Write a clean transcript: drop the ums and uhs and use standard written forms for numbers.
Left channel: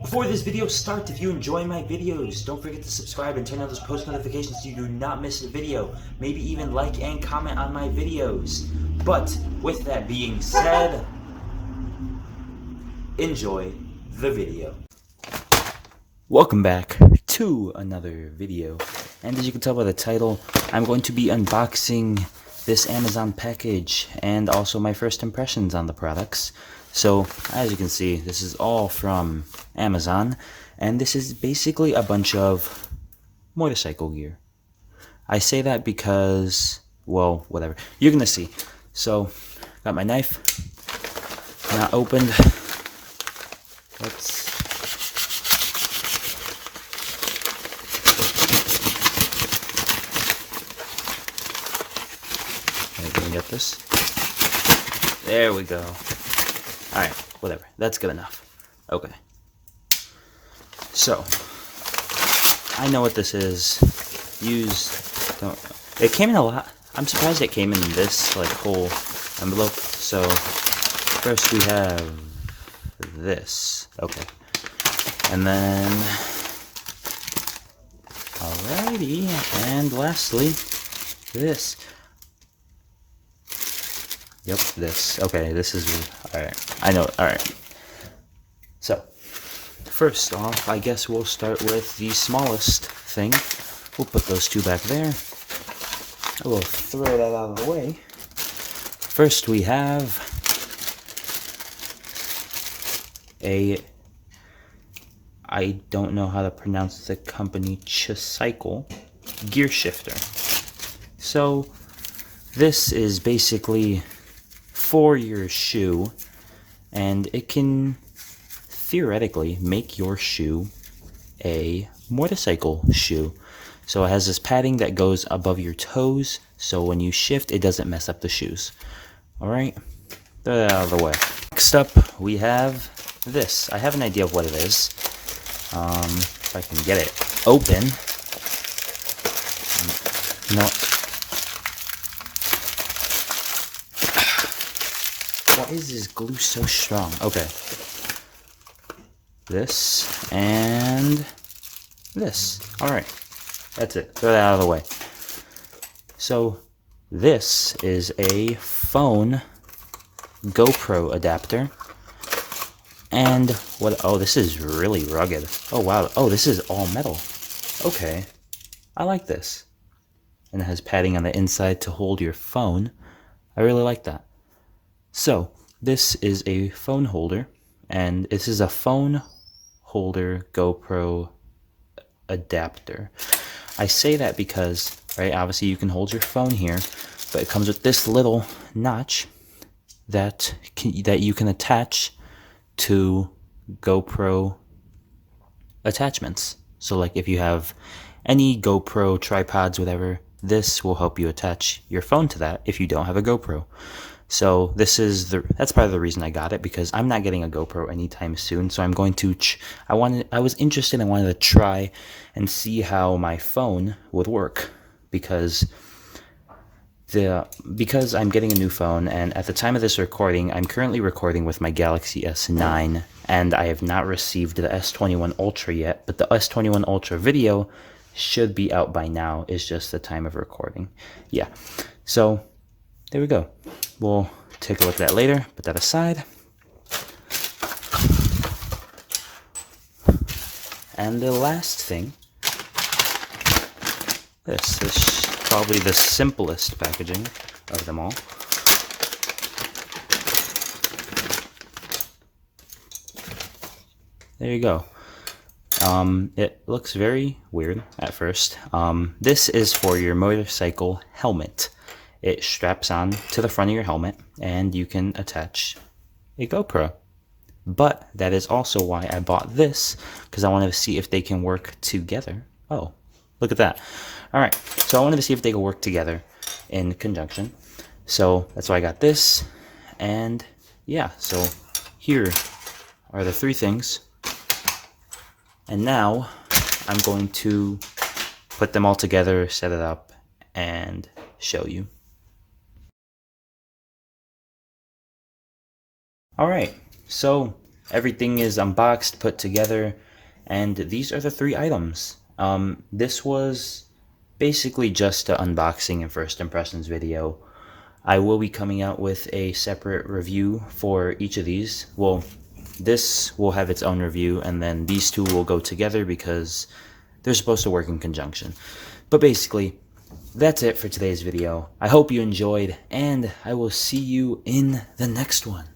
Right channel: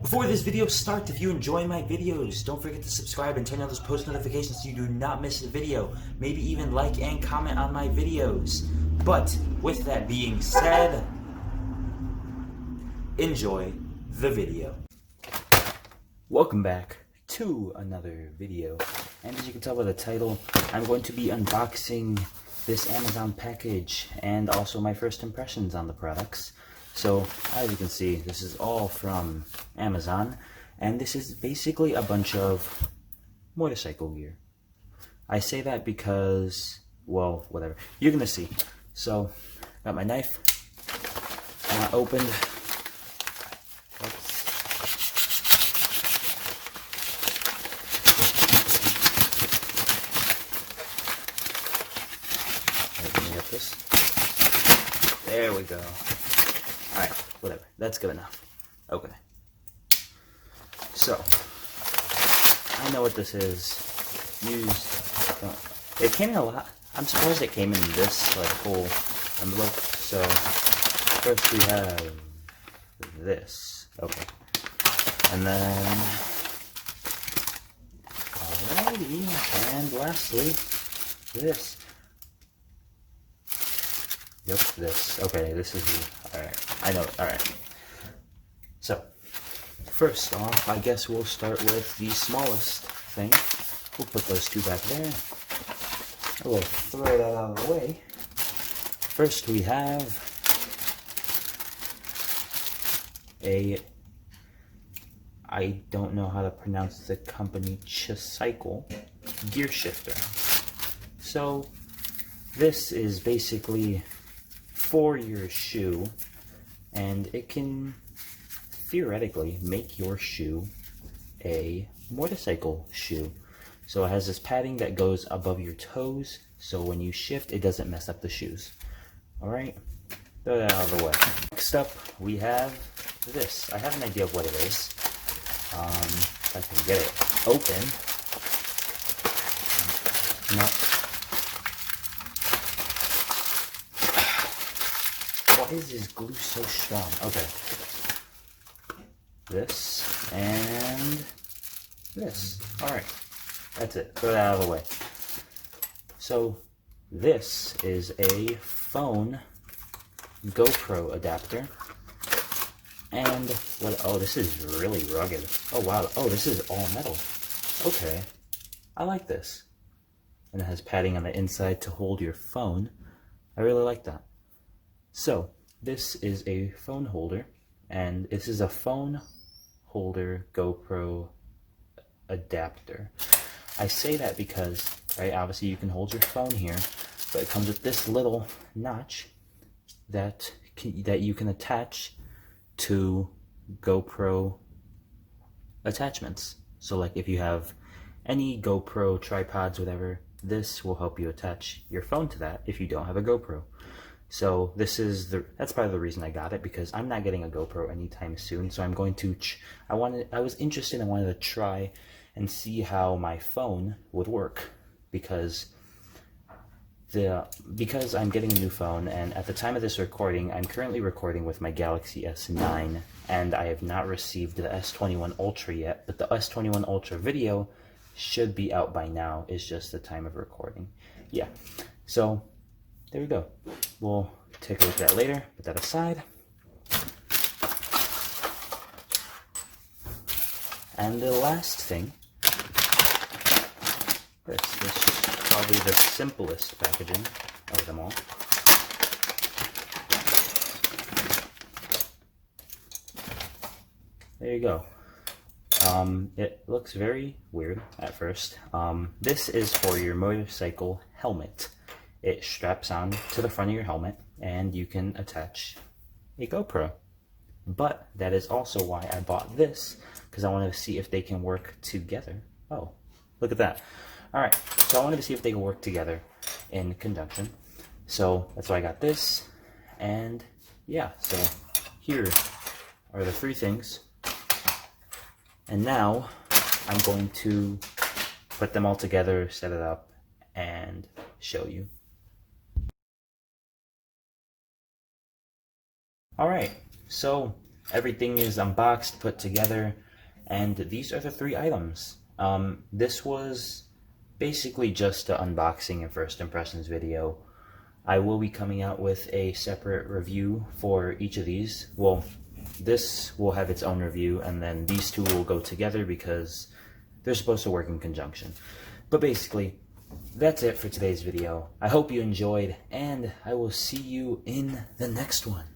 Before this video starts, if you enjoy my videos, don't forget to subscribe and turn on those post notifications so you do not miss a video. Maybe even like and comment on my videos. But with that being said, enjoy the video. Welcome back to another video. And as you can tell by the title, I'm going to be unboxing this Amazon package and also my first impressions on the products. So as you can see, this is all from Amazon, and this is basically a bunch of motorcycle gear. I say that because, well, whatever, you're gonna see. So got my knife, not opened. Let's get this. There we go. Alright, whatever. That's good enough. Okay. So, I know what this is. It came in a lot. I'm surprised it came in this, like, whole envelope. So, first we have this. Okay. And then, alrighty. And lastly, this. Yep, this. Okay, this is... Alright, I know. Alright. So, first off, I guess we'll start with the smallest thing. We'll put those two back there. I will throw that out of the way. First, we have I don't know how to pronounce the company, motorcylce gear shifter. So, this is basically for your shoe, and it can theoretically make your shoe a motorcycle shoe. So it has this padding that goes above your toes, so when you shift, it doesn't mess up the shoes. Alright, throw that out of the way. Next up, we have this. I have an idea of what it is. If I can get it open. No. Why is this glue so strong? Okay. This and this. Alright. That's it. Throw that out of the way. So, this is a phone GoPro adapter. And what? Oh, this is really rugged. Oh, wow. Oh, this is all metal. Okay. I like this. And it has padding on the inside to hold your phone. I really like that. So, this is a phone holder, and this is a phone holder GoPro adapter. I say that because, right, obviously you can hold your phone here, but it comes with this little notch that you can attach to GoPro attachments. So like if you have any GoPro tripods, whatever, this will help you attach your phone to that if you don't have a GoPro. So that's part of the reason I got it, because I'm not getting a GoPro anytime soon. So I'm going to, I was interested, I wanted to try and see how my phone would work, because I'm getting a new phone, and at the time of this recording, I'm currently recording with my Galaxy S9, and I have not received the S21 Ultra yet, but the S21 Ultra video should be out by now. It's just the time of recording. Yeah. So there we go. We'll take a look at that later. Put that aside. And the last thing, this is probably the simplest packaging of them all. There you go. It looks very weird at first. This is for your motorcycle helmet. It straps on to the front of your helmet, and you can attach a GoPro. But that is also why I bought this, because I wanted to see if they can work together. Oh, look at that. All right, so I wanted to see if they could work together in conjunction. So that's why I got this. And yeah, so here are the three things. And now I'm going to put them all together, set it up, and show you. Alright, so everything is unboxed, put together, and these are the 3 items. This was basically just an unboxing and first impressions video. I will be coming out with a separate review for each of these. Well, this will have its own review, and then these 2 will go together because they're supposed to work in conjunction. But basically, that's it for today's video. I hope you enjoyed, and I will see you in the next one.